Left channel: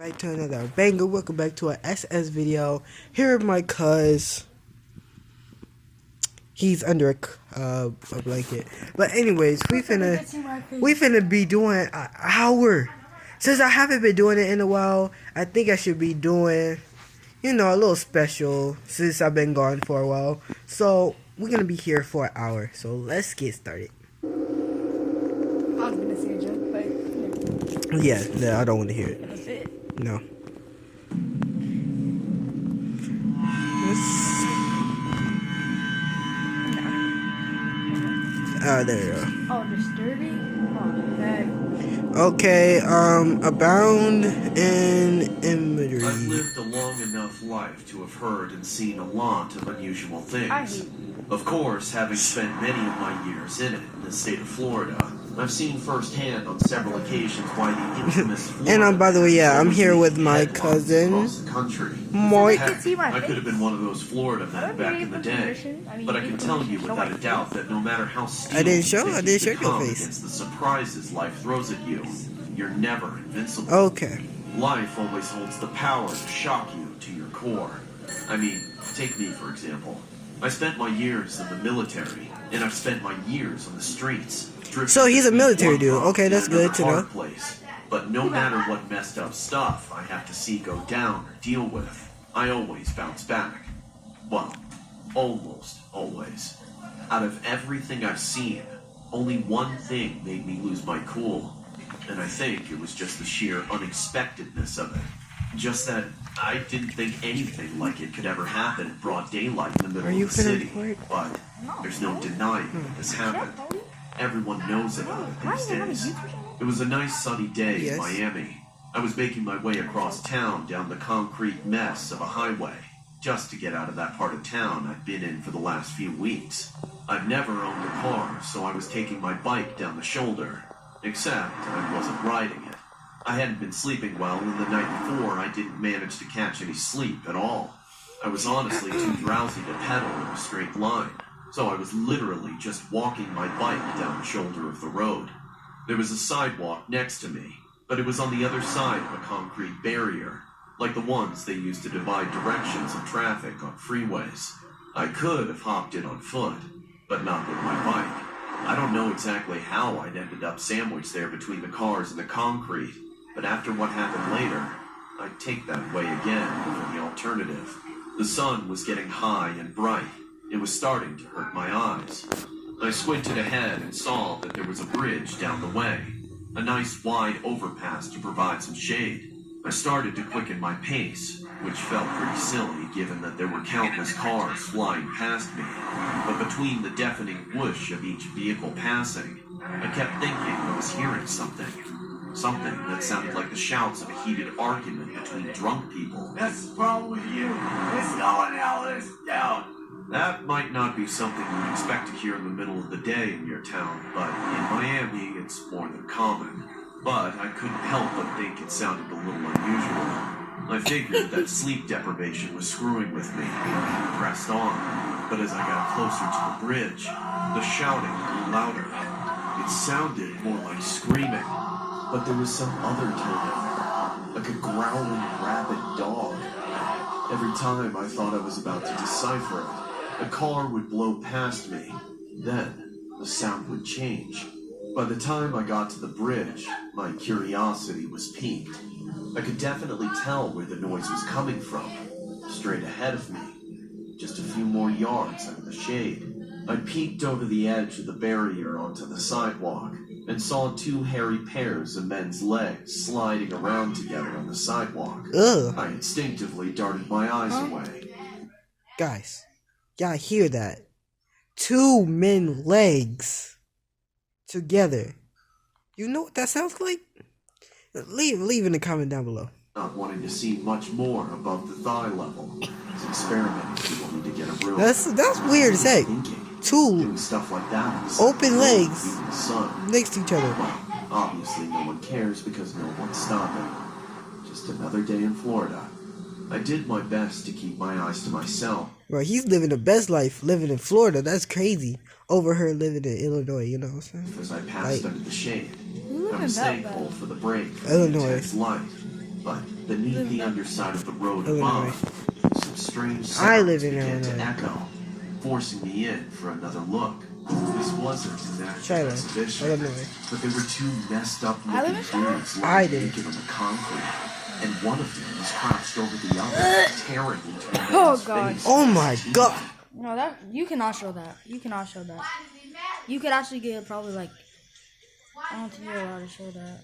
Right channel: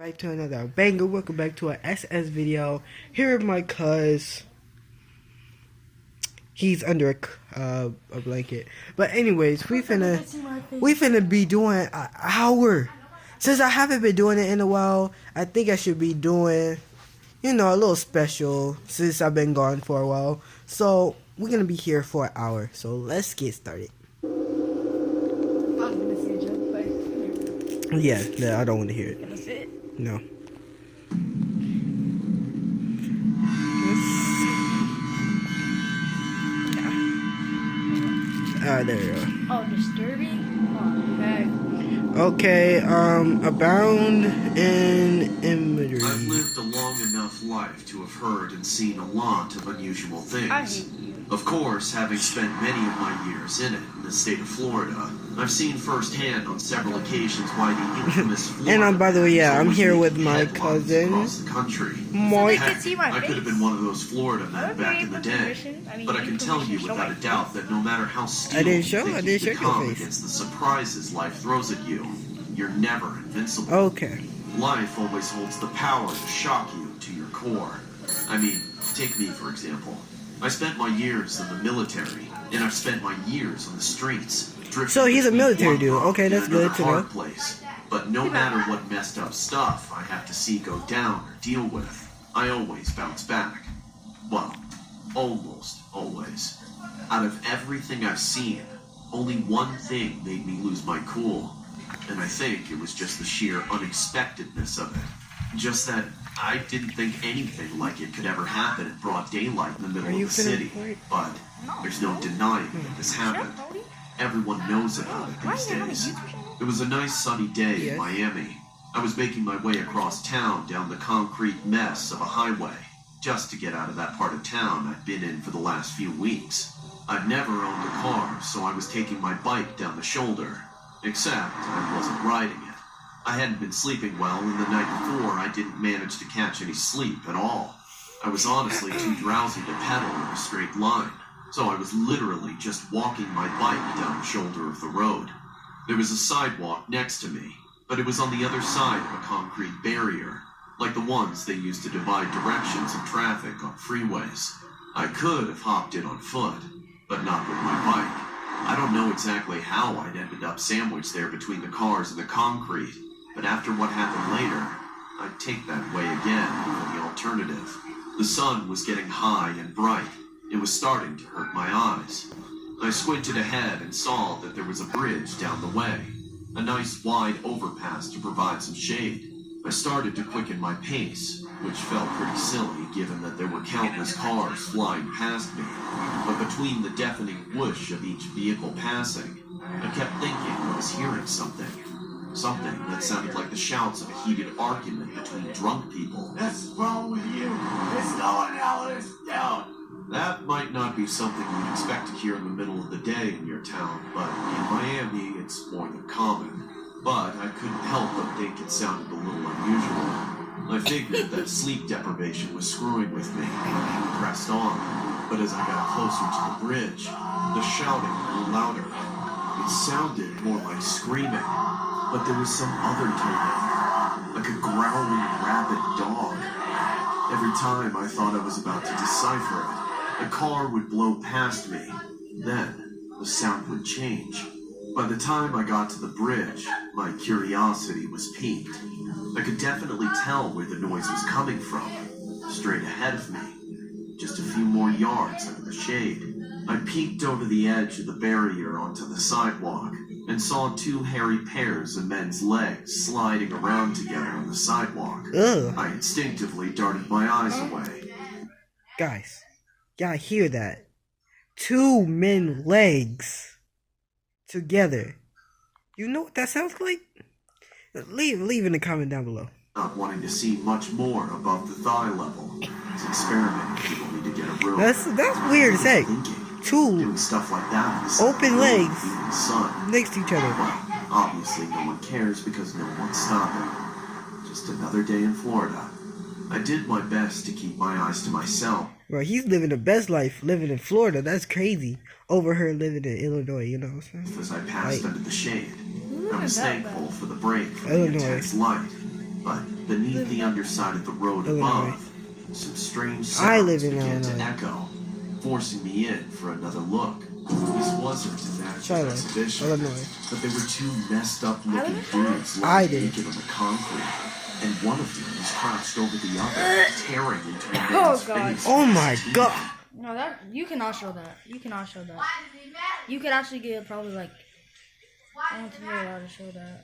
Back to another banger. Welcome back to an SS video. Here my cuz. He's under a blanket. But anyways, we finna be doing an hour. Since I haven't been doing it in a while, I think I should be doing, a little special since I've been gone for a while. So we're gonna be here for an hour. So let's get started. I'm gonna see a joke, but Yeah, I don't want to hear it. No. There we go. oh, disturbing. Okay, abound in imagery. I've lived a long enough life to have heard and seen a lot of unusual things. Of course, having spent many of my years in the state of Florida, I've seen firsthand on several occasions why the infamous Florida And by the way, yeah, I'm here with my headlines cousin, across the country. Mike. Heck, I could have been one of those Florida men back in the day, but I can tell you without a doubt that no matter how steel I didn't show you your become face. against the surprises life throws at you, you're never invincible. Okay. Life always holds the power to shock you to your core. I mean, take me for example. I spent my years in the military, and I've spent my years on the streets. So he's a military dude. Okay, that's good to know. Place. But no matter what messed up stuff I have to see go down or deal with, I always bounce back. Well, almost always. Out of everything I've seen, only one thing made me lose my cool. And I think it was just the sheer unexpectedness of it. Just that I didn't think anything like it could ever happen in broad daylight in the middle of the city. But there's no denying that this happened. Everyone knows about it these days. It was a nice sunny day in Miami. I was making my way across town down the concrete mess of a highway, just to get out of that part of town I'd been in for the last few weeks. I've never owned a car, so I was taking my bike down the shoulder. Except I wasn't riding it. I hadn't been sleeping well, and the night before I didn't manage to catch any sleep at all. I was honestly too drowsy to pedal in a straight line, so I was literally just walking my bike down the shoulder of the road. There was a sidewalk next to me, but it was on the other side of a concrete barrier, like the ones they use to divide directions of traffic on freeways. I could have hopped it on foot, but not with my bike. I don't know exactly how I'd ended up sandwiched there between the cars and the concrete, but after what happened later, I'd take that way again over the alternative. The sun was getting high and bright. It was starting to hurt my eyes. I squinted ahead and saw that there was a bridge down the way, a nice wide overpass to provide some shade. I started to quicken my pace, which felt pretty silly given that there were countless cars flying past me. But between the deafening whoosh of each vehicle passing, I kept thinking I was hearing something. Something that sounded like the shouts of a heated argument between drunk people. What's wrong with you? It's going out of this town. That might not be something you'd expect to hear in the middle of the day in your town, but in Miami it's more than common. But I couldn't help but think it sounded a little unusual. I figured that sleep deprivation was screwing with me, and I pressed on. But as I got closer to the bridge, the shouting grew louder. It sounded more like screaming, but there was some other tone, like a growling rabid dog. Every time I thought I was about to decipher it, a car would blow past me. Then the sound would change. By the time I got to the bridge, my curiosity was piqued. I could definitely tell where the noise was coming from. Straight ahead of me, just a few more yards under the shade. I peeked over the edge of the barrier onto the sidewalk and saw two hairy pairs of men's legs sliding around together on the sidewalk. Ugh. I instinctively darted my eyes away. Guys, y'all hear that? Two men legs together. You know what that sounds like? Leave in the comment down below. Not wanting to see much more above the thigh level. It's experimenting people need to get a room. That's weird to say. Two Doing stuff like that. open legs In the sun. next to each other. Well, obviously no one cares because no one's stopping. Just another day in Florida. I did my best to keep my eyes to myself. Bro, he's living the best life living in Florida. That's crazy. Over her living in Illinois, you know what I'm saying? As I passed under the shade, I was thankful for the break from the Illinois. intense light. But beneath the underside of the road Illinois. above, some strange I sounds live in began to Illinois. echo, forcing me in for another look. This wasn't an actual Shiloh, exhibition, Illinois. but there were two messed up looking dudes I lying did. naked on the concrete, and one of them was crouched over the other, tearing into a man's God. face. Oh my god. No, that you cannot show that. You cannot show that. You could actually get probably like I don't think you're allowed to show that.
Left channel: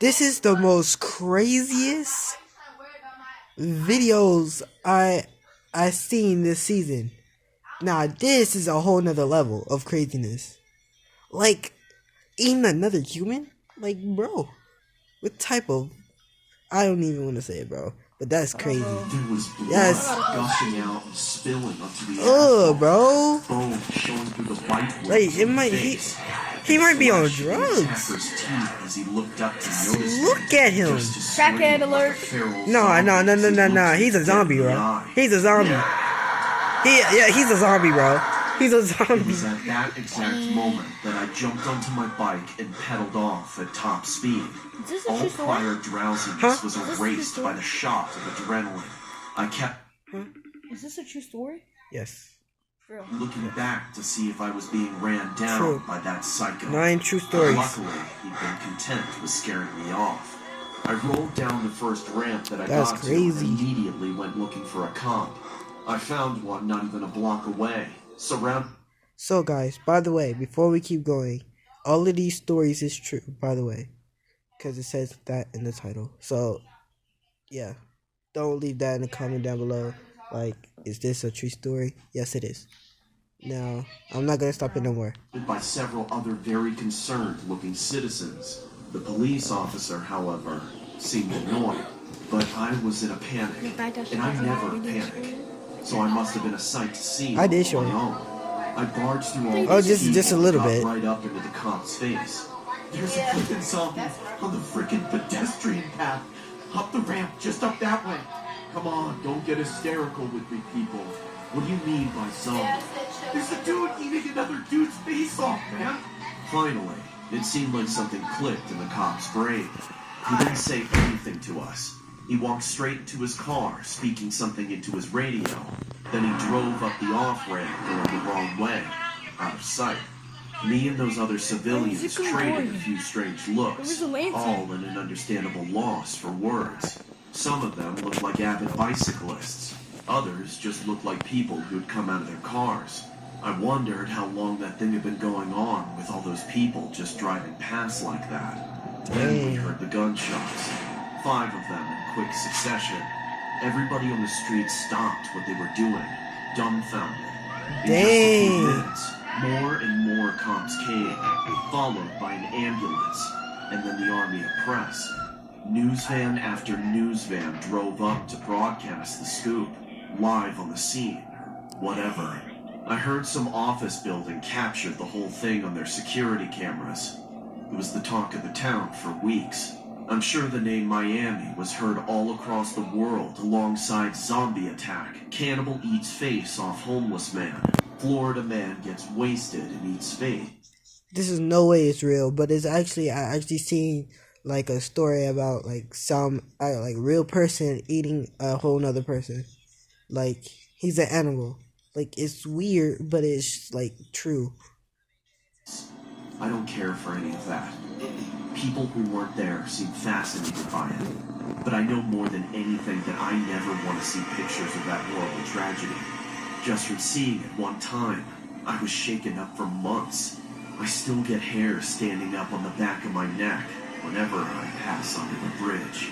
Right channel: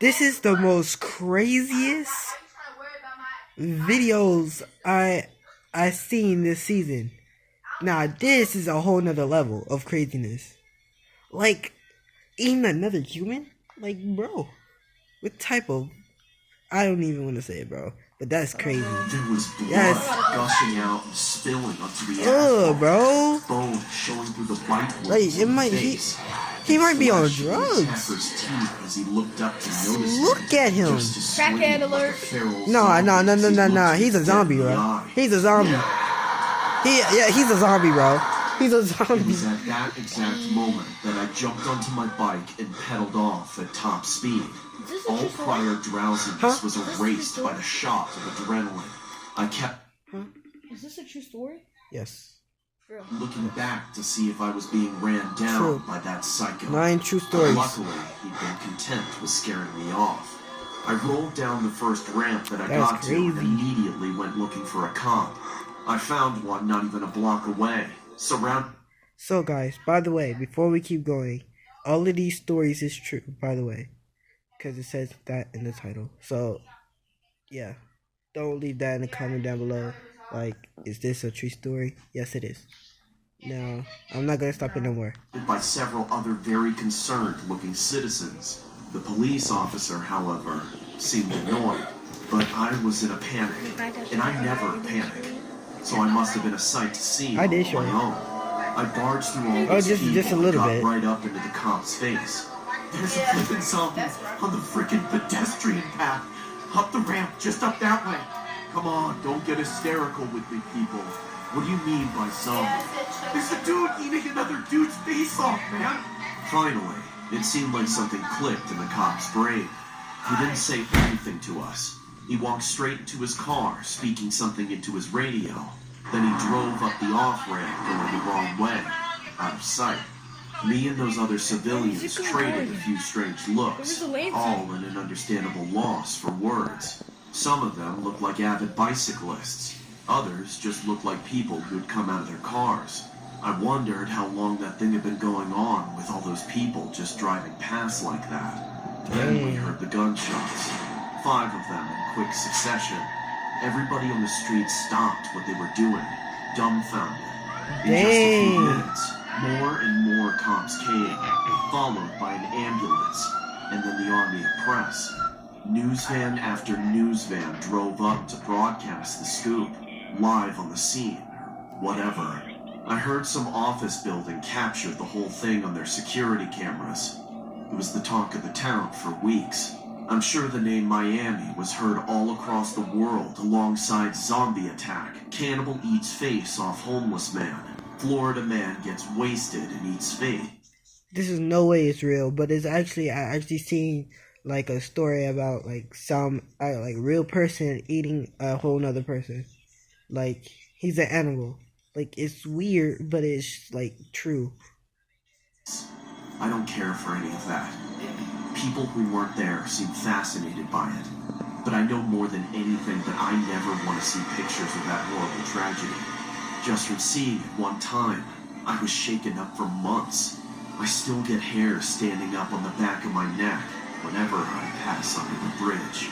This is the most craziest videos I seen this season. Now this is a whole nother level of craziness. Like, eating another human? Like, bro, what type of... I don't even want to say it, bro. But that's crazy. There was blood Yes. gushing out and spilling onto the Ugh, asphalt. bro. Bone showing through the bite wounds Like, it in might... the He face. might be on Flesh in the drugs. attacker's teeth as he looked up to notice Look me, at him. just as swinging Crackhead like a alert. feral No, zombie no. as he looked He's a me zombie, dead in the bro. eye. He's a zombie. He's a zombie, bro. He's a It zombie. was at that exact moment that I jumped onto my bike and pedaled off at top speed. Is this a All true story? prior drowsiness Huh? was erased by the shot of adrenaline. I kept Is this a true story? Yes. Bro. looking back to see if I was being ran down True. by that psycho. 9 true stories. Luckily, he'd been content with scaring me off. I rolled down the first ramp that I That's got to crazy. and immediately went looking for a cop. I found one not even a block away, surrounded. So, guys, by the way, before we keep going, all of these stories is true, by the way. Because it says that in the title. So, yeah. Don't leave that in the comment down below. Like, is this a true story? Yes, it is. Now, I'm not going to stop it no more. by several other very concerned-looking citizens. The police officer, however, seemed annoyed, but I was in a panic, and I never panic, so I must have been a sight to see I did on show my you. own. I barged through all Oh, these just a people little and bit. got right up into the cop's face. There's a flippin' zombie on the frickin' pedestrian path, up the ramp, just up that way. Come on, don't get hysterical with me, people. What do you mean by zombie? There's a dude eating another dude's face off, man. Finally, it seemed like something clicked in the cop's brain. He didn't say anything to us. He walked straight into his car, speaking something into his radio. Then he drove up the off-ramp, going the wrong way, out of sight. Me and those other civilians traded a few strange looks, all in an understandable loss for words. Some of them looked like avid bicyclists. Others just looked like people who'd come out of their cars. I wondered how long that thing had been going on with all those people just driving past like that. Then we heard the gunshots. 5 of them in quick succession. Everybody on the street stopped what they were doing, dumbfounded. In just a few minutes, more and more cops came, followed by an ambulance, and then the army of press. News van after news van drove up to broadcast the scoop, live on the scene. Whatever. I heard some office building captured the whole thing on their security cameras. It was the talk of the town for weeks. I'm sure the name Miami was heard all across the world alongside Zombie Attack, Cannibal Eats Face off Homeless Man, Florida Man Gets Wasted and Eats Face. This is no way it's real, but it's actually, I actually seen like a story about like some like real person eating a whole nother person. Like, he's an animal. Like, it's weird, but it's like true. I don't care for any of that. People who weren't there seem fascinated by it. But I know more than anything that I never want to see pictures of that horrible tragedy. Just from seeing it one time, I was shaken up for months. I still get hair standing up on the back of my neck whenever I pass under the bridge.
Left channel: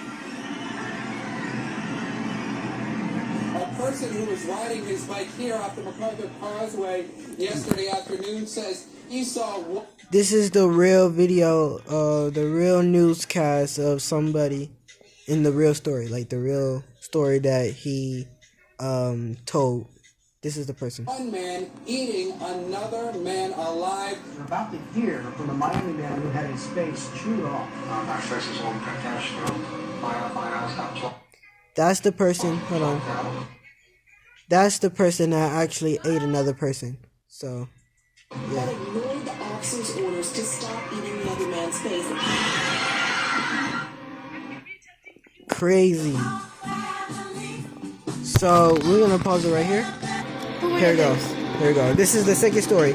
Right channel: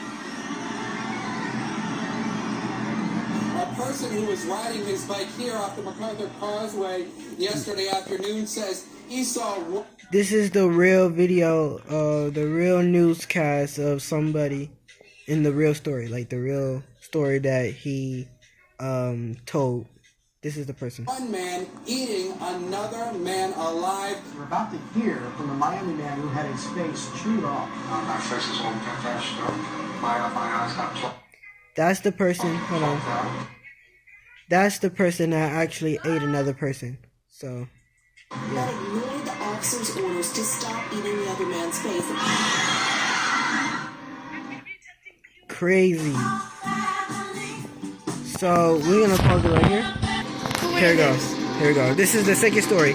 A person who was riding his bike here off the MacArthur Causeway yesterday afternoon says he saw... This is the real video, the real newscast of somebody in the real story, like the real story that he told. This is the person. One man eating another man alive. We're about to hear from the Miami man who had his face chewed off. That's the person, hold on. That's the person that actually ate another person. So, yeah. Ignored the officer's orders to stop eating the other man's face. crazy. So we're gonna pause it right here. Here we go. Here we go. This is the second story.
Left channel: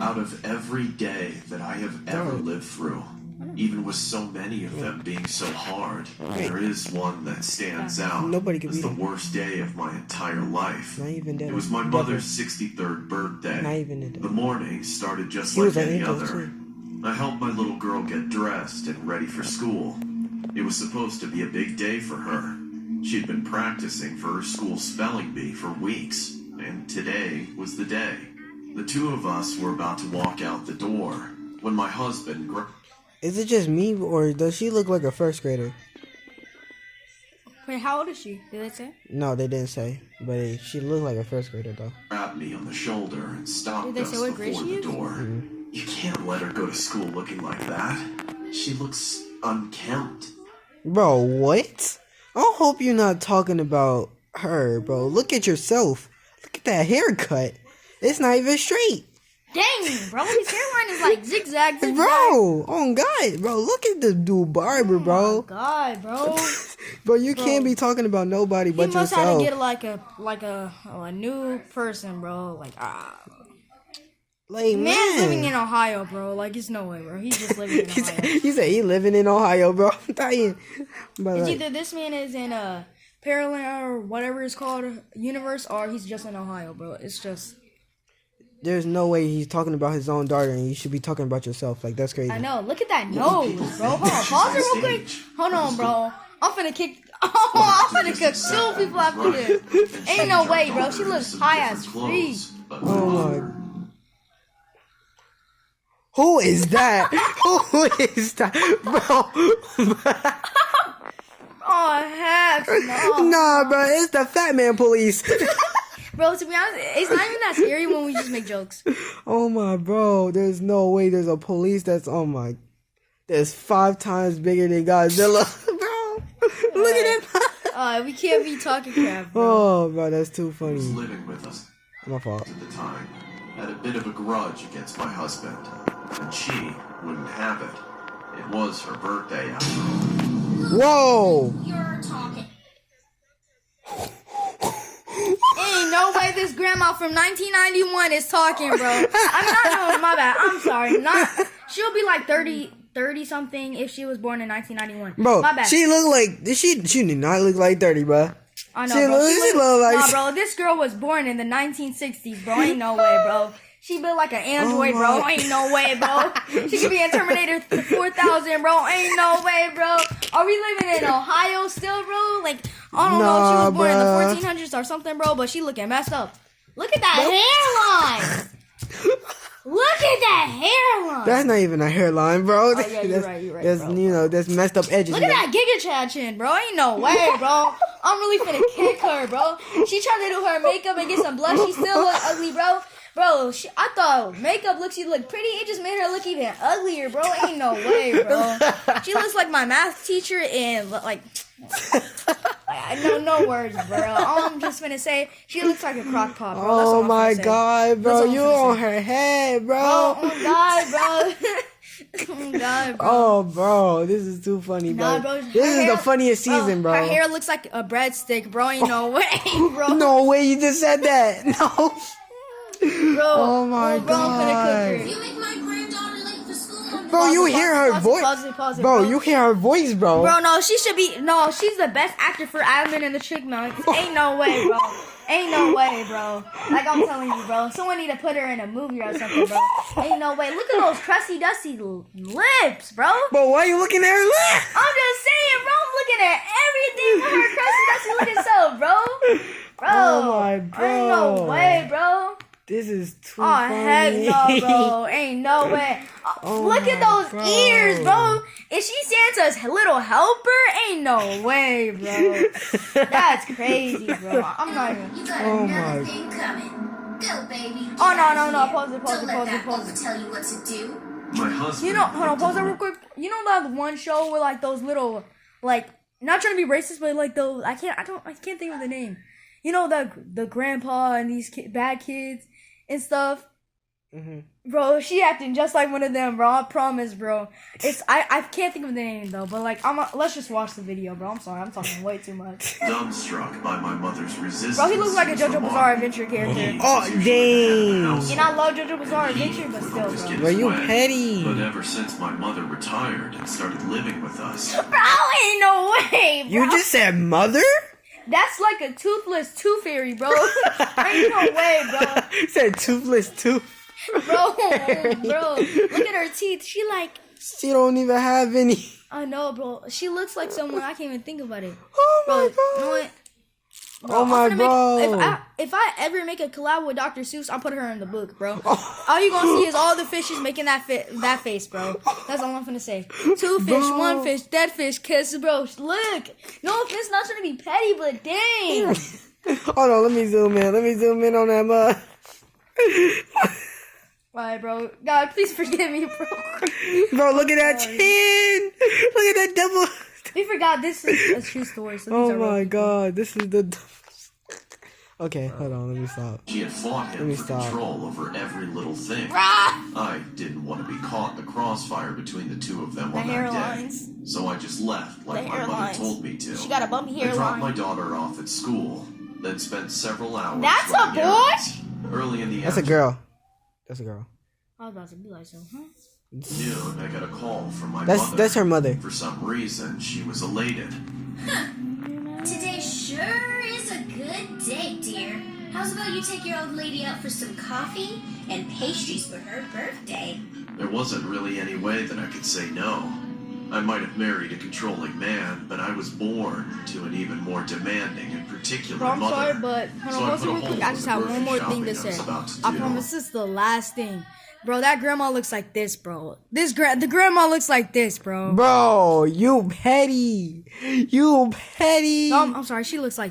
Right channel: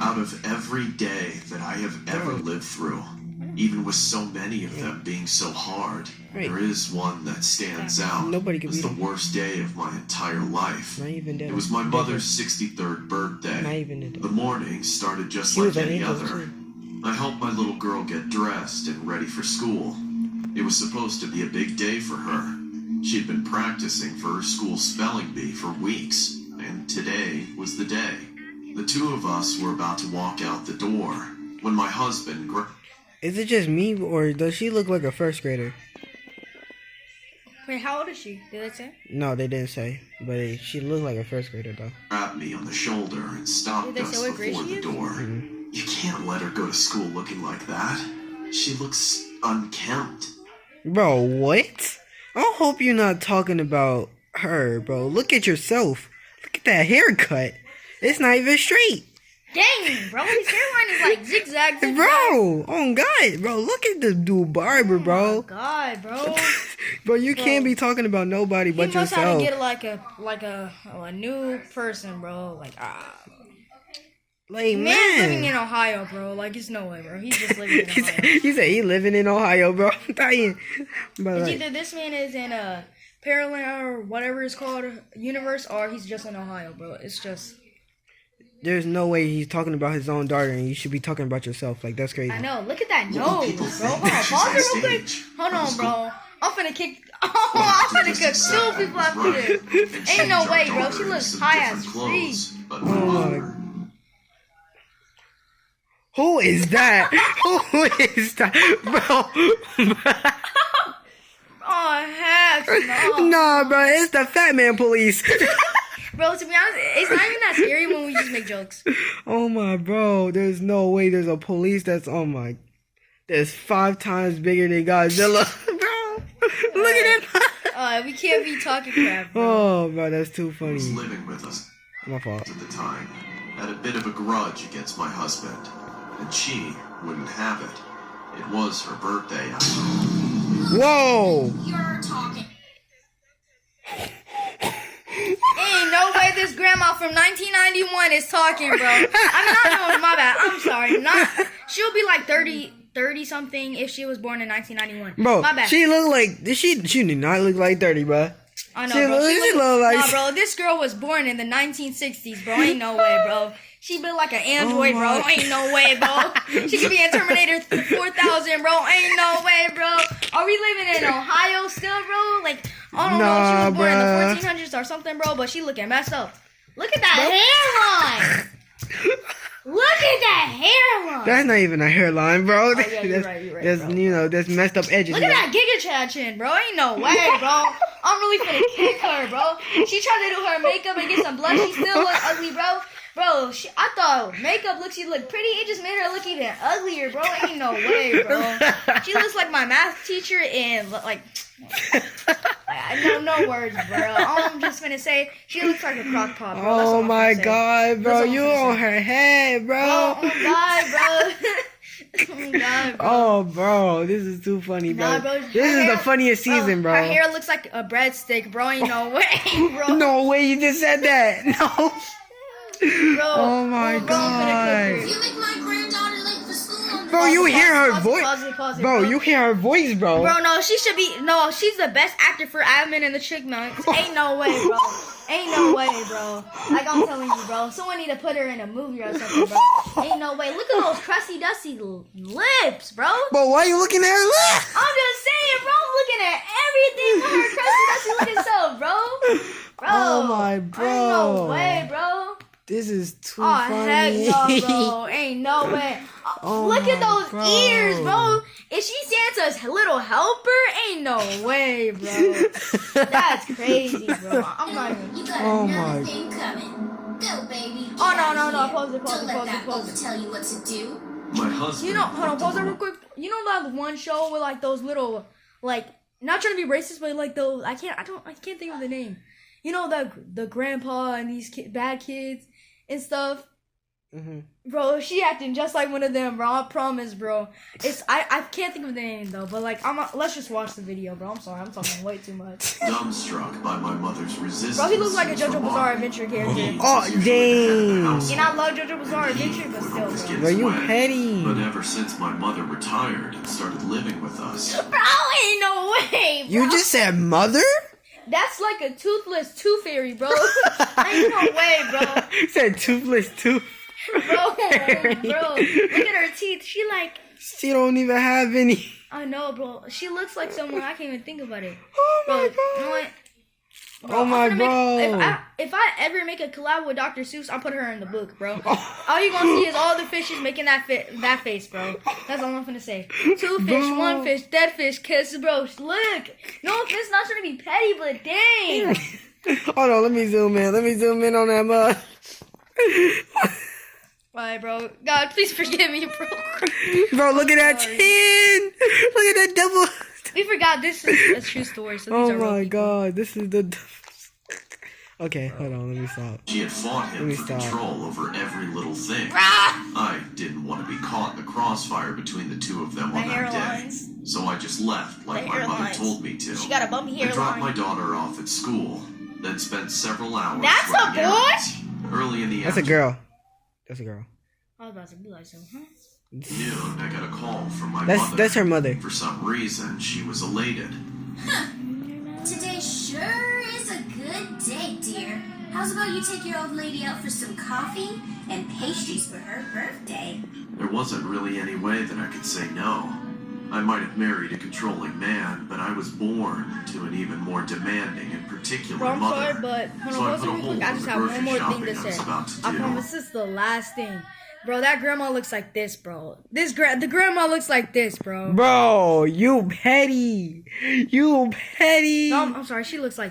Out of every day that I have ever lived through, even with so many of them being so hard, there is one that stands out. Nobody can It's the beat it. worst day of my entire life. Not even It was my mother's 63rd birthday. Not even The morning started just She like was an any angel, other. too. I helped my little girl get dressed and ready for school. It was supposed to be a big day for her. She'd been practicing for her school spelling bee for weeks, and today was the day. The two of us were about to walk out the door when my husband Is it just me, or does she look like a first grader? Wait, how old is she? Did they say? No, they didn't say, but she looked like a first grader though. grabbed me on the shoulder and stopped Did they us say what grade before she the is? door. You can't let her go to school looking like that. She looks unkempt. Bro, what? I hope you're not talking about her, bro. Look at yourself. Look at that haircut. It's not even straight. Dang, bro, his hairline is like zigzag. Bro, oh God, bro, look at the dude barber, bro. God, bro. Bro, you can't be talking about nobody but He must have yourself. to get like a new person, bro. Like Like, man's living in man. Ohio, bro. Like it's no way, bro. He's just living in He said, Ohio. he said he living in Ohio, bro. I'm dying. But It's like, either this man is in a parallel or whatever it's called universe, or he's just in Ohio, bro. It's just there's no way he's talking about his own daughter, and you should be talking about yourself. Like, that's crazy. I know. Look at that What nose, will people bro. think Hold on, that she's pause on it real quick. stage? Hold Let's on, go. bro. I'm finna kick. I'm finna kill people after this. Ain't no way, bro. She looks high as free. Oh my. Who is that? Who is that, bro? Oh heck no. Nah, bro, it's the Fat Man Police. Bro, to be honest, it's not even that scary when we just make jokes. Oh my, bro, there's no way there's a police that's, oh my, that's 5 times bigger than Godzilla. Bro, look at him. We can't be talking crap, bro. Oh, bro, that's too Who was funny. living with us My fault. at the time had a bit of a grudge against my husband, and she wouldn't have it. It was her birthday after all. Whoa. You're talking. Ain't no way this grandma from 1991 is talking, bro. I'm not, my bad. I'm sorry. She'll be like 30 something if she was born in 1991. Bro, My bad. she look like, she did not look like 30, bro. I know, she bro. look like- Nah, bro, this girl was born in the 1960s, bro. Ain't no way, bro. She built like an android, Oh bro. my- Ain't no way, bro. She could be in Terminator 4000, bro. Ain't no way, bro. Are we living in Ohio still, bro? Like, I don't know Nah, if she was born bruh. in the 1400s or something, bro, but she looking messed up. Look at that hairline. Look at that hairline. That's not even a hairline, bro. yeah, you're that's, right, that's bro. you know, that's messed up edges. Look at that Giga Chad chin, bro. Ain't no way, bro. I'm really finna kick her, bro. She tried to do her makeup and get some blush. She still look ugly, bro. Bro, I thought makeup she looked pretty. It just made her look even uglier, bro. Ain't no way, bro. She looks like my math teacher and like, I know no words, bro. All I'm just gonna say, she looks like a crock pot, bro. That's all Oh I'm my finna say. God, bro, That's all you I'm finna on her head, bro. Oh my God, bro. Oh God, bro. Oh, bro, this is too funny, bro. Nah, bro, This her is the hair- funniest season, Her bro. hair looks like a breadstick, bro. Ain't no way, bro. No way you just said that. No. Bro, Oh my bro, I'm finna cook You make my granddaughter late for school. Bro, you hear her Pause it, voice. pause it, Bro, you hear her voice, bro. Bro, no, she should be. No, she's the best actor for Admin and the Chick Nuts. Ain't no way, bro. Ain't no way, bro. Like I'm telling you, bro. Someone need to put her in a movie or something, bro. Ain't no way. Look at those crusty, dusty lips, bro. But why you looking at her lip? I'm just saying, bro. I'm looking at everything on her crusty, dusty looking self, bro. Bro. Oh my Ain't no bro. way, bro. This is too Oh, funny. heck no, bro. Ain't no way. Oh Look at my those bro. ears, bro. Is she Santa's little helper? Ain't no way, bro. That's crazy, bro. I'm not even... You got Oh another my- thing coming. Go, baby. Get Oh, no, out no, of no. here. Pause it, pause Don't it, let pause that it, pause book it. tell you what to do. My husband. You know, hold on, looked pause it over- real quick. You know that one show with like those little, like, not trying to be racist, but like those, I can't think of the name. You know, the grandpa and these bad kids and stuff. Bro, she acting just like one of them, bro. I promise, bro. I can't think of the name though, but like let's just watch the video, bro. I'm sorry, I'm talking way too much. Dumbstruck by my mother's resistance. Bro, he looks like a was JoJo remarkable. Bizarre Adventure character. He Oh, was usually the head of the dang. household. You know, I love JoJo Bizarre Adventure, but He would still, always bro. get Bro, his you way. petty. But ever since my mother retired and started living with us, Bro, ain't no way, bro. You just said mother? That's like a toothless tooth fairy, bro. Ain't no way, bro. You said toothless tooth. Bro, look at her teeth. She like, She don't even have any. I know, bro. She looks like someone I can't even think about it. Oh my Bro, you know god. what? Oh my I'm gonna bro. make- if I ever make a collab with Dr. Seuss, I'll put her in the book, bro. All you gonna see is all the fishes making that face, bro. That's all I'm gonna say. 2 fish, Bro. 1 fish, dead fish, kiss, bro. Look, no, it's not trying to be petty, but dang. Hold on, let me zoom in. Let me zoom in on that mud. Alright, bro. God, please forgive me, bro. Bro, look at that chin. Look at that double. We forgot this is a true story. So Oh these are real my people. god, this is the. Okay, hold on, let me stop. she had fought Let him me for stop. control over every little thing. I didn't want to be caught in the crossfire between the two of them on The that day. hairlines. So I just left like The my mother hairlines. told me to. She got a bumpy I dropped my hairline. daughter off at school, then spent several hours That's a running boy? errands. Early in the That's a afternoon, girl. That's a girl. I was about to be like, so, huh? noon, I got a call from my That's mother. that's her mother. For some reason, she was elated. Today sure is a good day, dear. How's about you take your old lady out for some coffee and pastries for her birthday? There wasn't really any way that I could say no. I might have married a controlling man, but I was born to an even more demanding and particular Bro, I'm mother. sorry, but So I put a hold hole on, I in just the have one grocery more thing shopping to I was say. about to I do. promise this is the last thing. Bro, that grandma looks like this, bro. The grandma looks like this, bro. Bro, you petty. You petty. No, I'm sorry. She looks like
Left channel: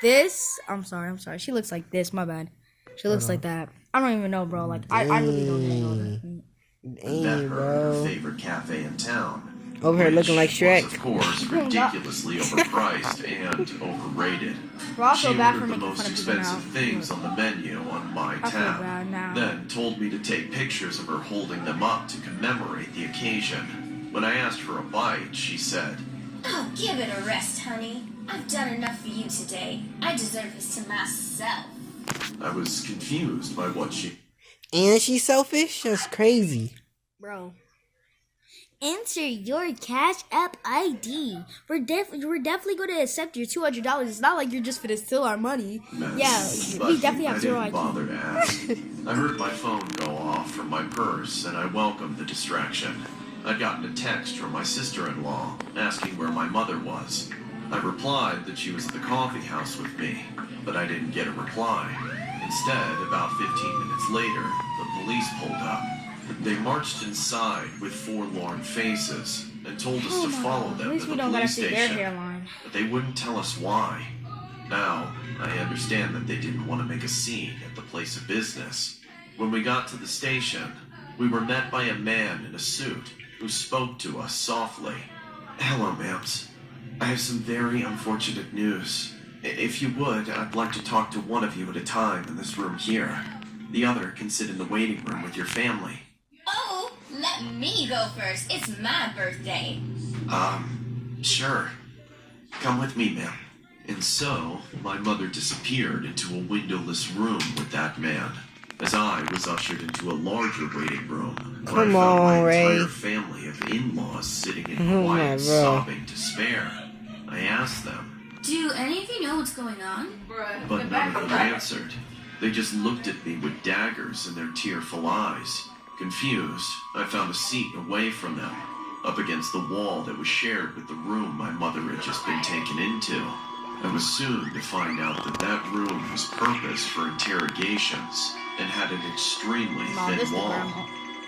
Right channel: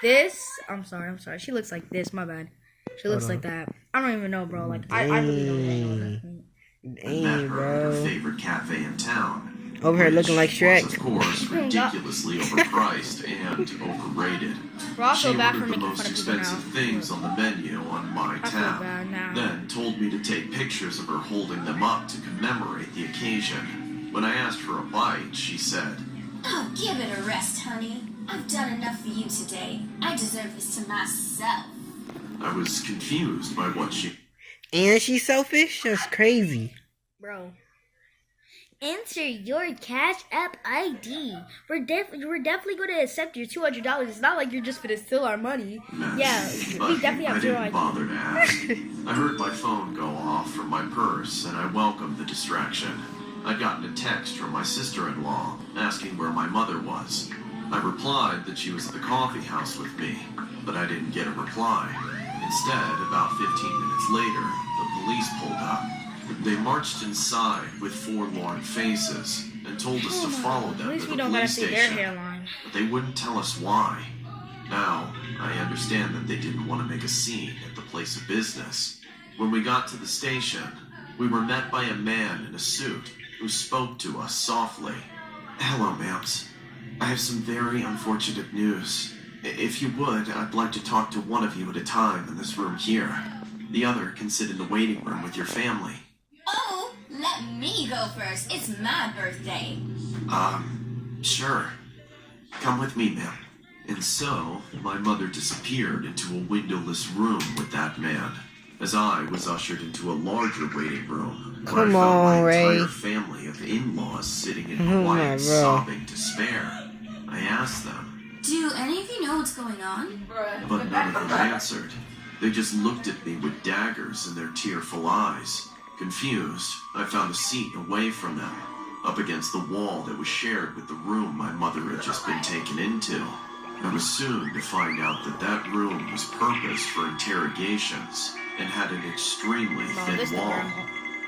this. I'm sorry. She looks like this. My bad. She looks like that. I don't even know, bro. Like, I really don't know. I met Dang, her at her bro. favorite cafe in town. Over here looking like which Shrek. was, of course, ridiculously overpriced and overrated. Bro, I She feel bad for ordered the making most fun of people expensive now. things on the menu on my feel tab, bad now. then told me to take pictures of her holding them up to commemorate the occasion. When I asked for a bite, she said, Oh, give it a rest, honey. I've done enough for you today. I deserve this to myself. I was confused by what she And she's selfish? That's crazy. Bro. Enter your Cash App ID. We're definitely going to accept your $200. It's not like you're just going to steal our money. meant, Yeah, but we definitely I have zero didn't ID. bother to ask. I heard my phone go off from my purse, and I welcomed the distraction. I'd gotten a text from my sister-in-law asking where my mother was. I replied that she was at the coffee house with me, but I didn't get a reply. Instead, about 15 minutes later, the police pulled up. They marched inside with forlorn faces and told us to follow At them least to we the know where to police see their station, hairline. but they wouldn't tell us why. Now, I understand that they didn't want to make a scene at the place of business. When we got to the station, we were met by a man in a suit who spoke to us softly. Hello, ma'ams. I have some very unfortunate news. If you would, I'd like to talk to one of you at a time in this room here. The other can sit in the waiting room with your family. Oh, let me go first. It's my birthday. Sure. Come with me, ma'am. And so, my mother disappeared into a windowless room with that man, as I was ushered into a larger waiting room, where Come I found on, my Ray. entire family of in-laws sitting in Oh, my quiet, bro. sobbing despair. I asked them, Do any of you know what's going on? but none of them answered. They just looked at me with daggers in their tearful eyes. Confused, I found a seat away from them, up against the wall that was shared with the room my mother had just been taken into. I was soon to find out that that room was purposed for interrogations and had an extremely thin wall.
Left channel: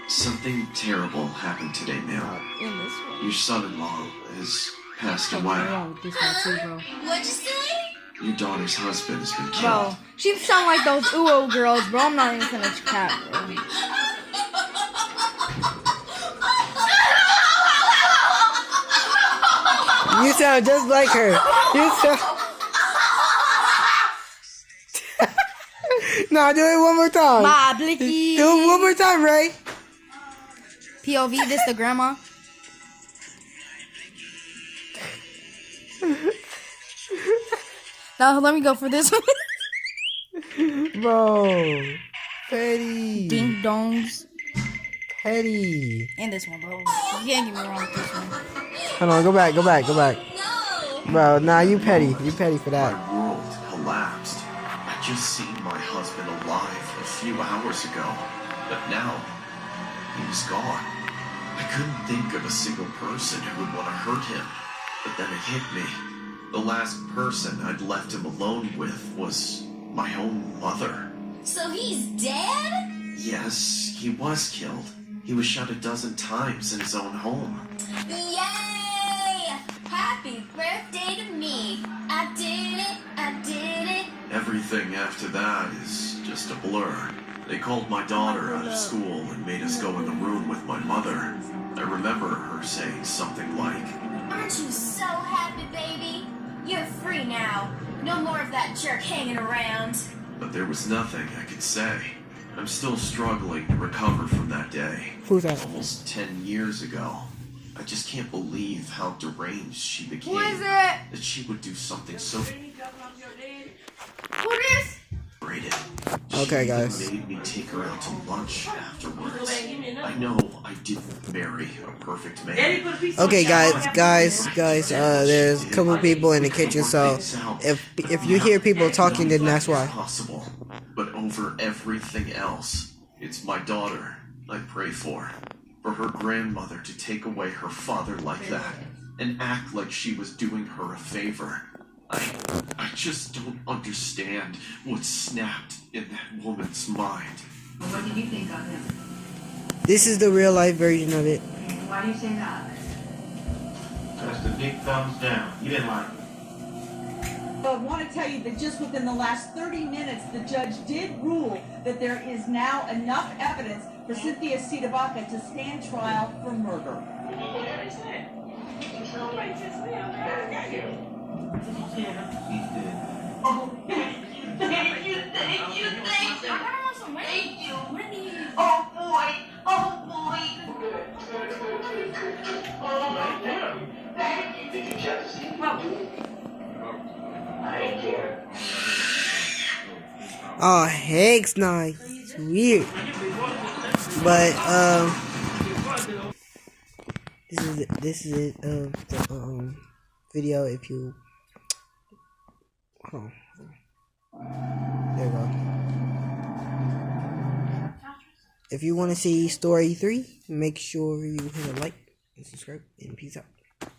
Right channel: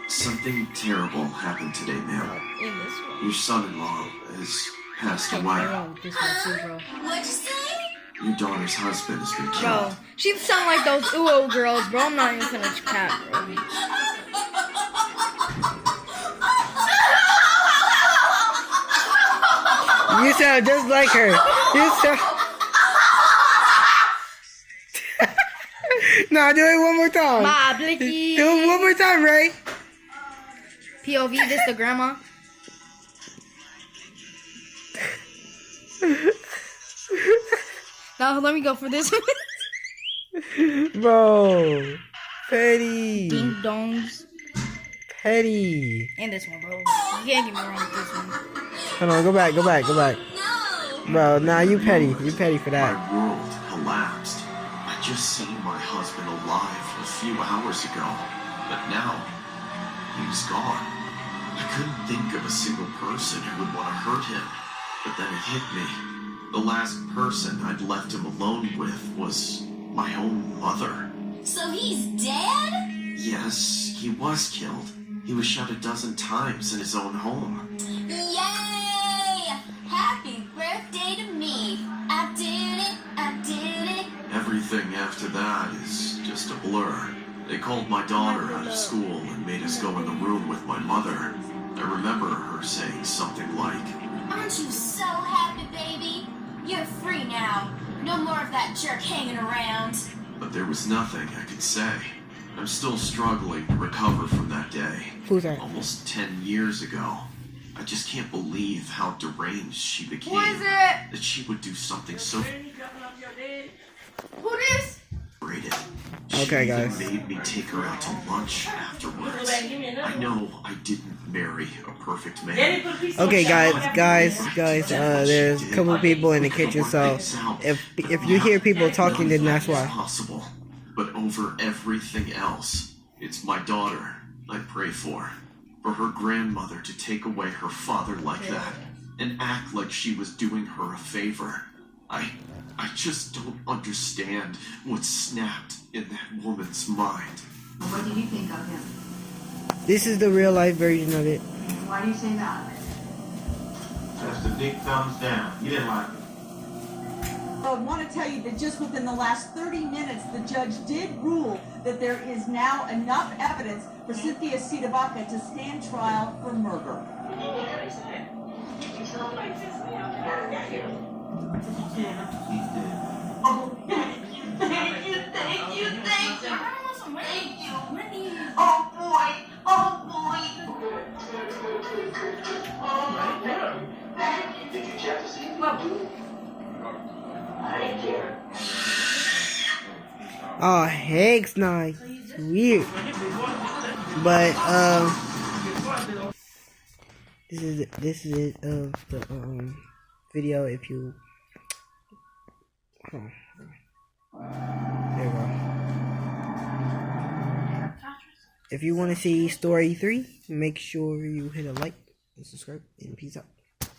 Something terrible happened today, ma'am. In this one. Your son-in-law has passed Something away. wrong with this one too, bro. What'd you say? Your daughter's husband has been killed. Bro, she sound like those UO girls, bro. I'm not even gonna cap, bro. You sound just like her. You sound. Nah, do it one more time. My blicky. Do it one more time, Ray. POV, this the grandma. Now let me go for this. Bro. Petty. Ding dongs. Petty. And this one, bro. You can't get me wrong with this one. Hold on, go back. No. Bro, nah, you petty. You petty for My that. world collapsed. I just seen my husband alive a few hours ago, but now he was gone. I couldn't think of a single person who would want to hurt him, but then it hit me. The last person I'd left him alone with was my own mother. So he's dead? Yes, he was killed. He was shot a dozen times in his own home. Yay! Happy birthday to me. I did it. Everything after that is just a blur. They called my daughter out of school and made us go in the room with my mother. I remember her saying something like, Aren't you so happy, baby? You're free now. No more of that jerk hanging around. but there was nothing I could say. I'm still struggling to recover from that day. Who's that? Almost 10 years ago. I just can't believe how deranged she became. Who is it? That she would do something so Who this? braided. Okay, She even guys. made me take her out to lunch afterwards. I know I didn't marry a perfect man. Okay, guys. There's a couple people in the kitchen, so if you hear people talking, then that's why. Possible, but over everything else, it's my daughter I pray for. For her grandmother to take away her father like that and act like she was doing her a favor. I just don't understand what snapped in that woman's mind. What did you think of him? This is the real life version of it. Why do you say that? That's the big thumbs down. You didn't like it. I want to tell you that just within the last 30 minutes, the judge did rule that there is now enough evidence for Cynthia Sidabaka to stand trial for murder. Oh, heck, nice. It's weird. But this is it of the video. If you there you go. If you want to see story 3, make sure you hit a like and subscribe, and peace out.